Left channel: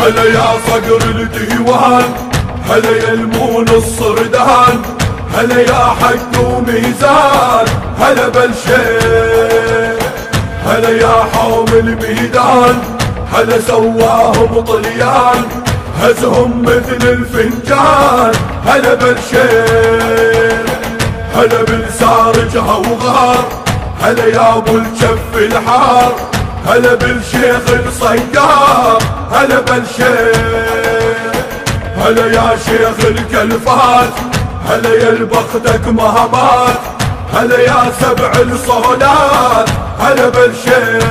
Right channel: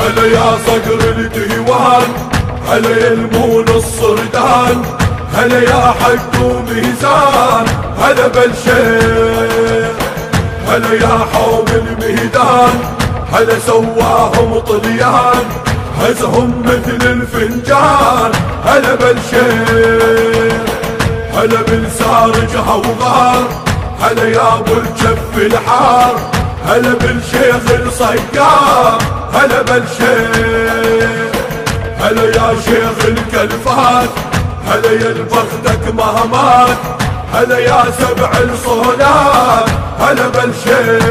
هلا يا صقر الديوان، هلا يا المون الصردان، هلا يا حق وميزان، هلا بالشيخ، هلا يا حوم الميدان، هلا سواهم طليان، هزهم مثل الفنجان، هلا بالشيخ، هلا بالسارج هوغار، هلا يا ابو الجف الحار، هلا بالشيخ الصياد، هلا بالشيخ، هلا يا شيخ الكلفات، هلا يا البختك مهمات، هلا يا سبع الصولات، هلا بالشيخ.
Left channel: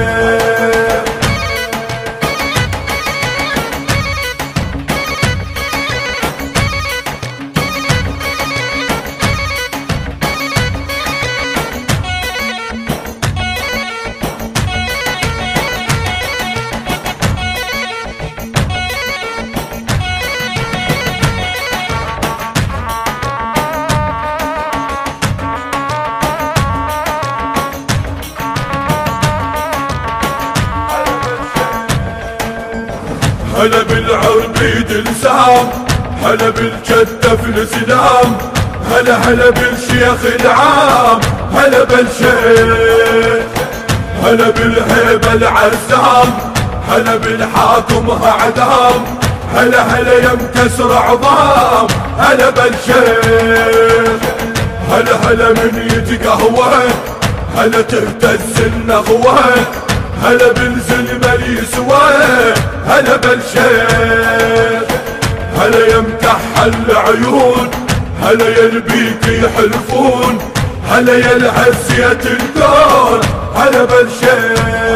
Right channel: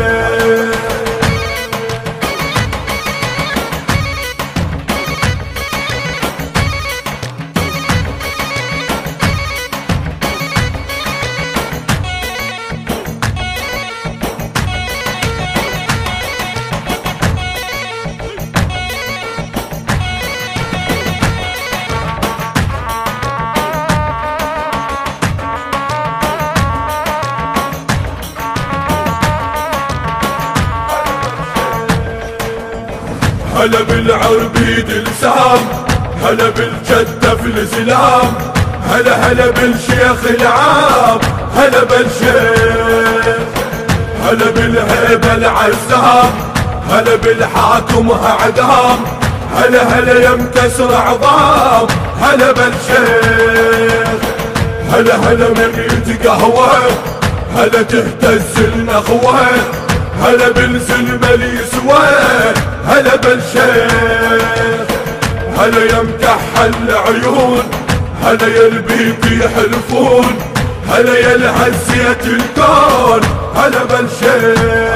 هلا بالعربيد السام، هلا بالجدة في الاسلام، هلا هلا بالشيخ العام، هلا بالشيخ، هلا بالهيبة العزام، هلا بالحاكم اعدام، هلا هلا يا مكسر عظام، هلا بالشيخ، هلا هلا من يتقهوى، هلا تهتز النخوة، هلا بالزلمة اليسوى، هلا بالشيخ، هلا يا مكحل العيون، هلا يا البيت يحلفون، هلا يا العزية الكون، هلا بالشيخ.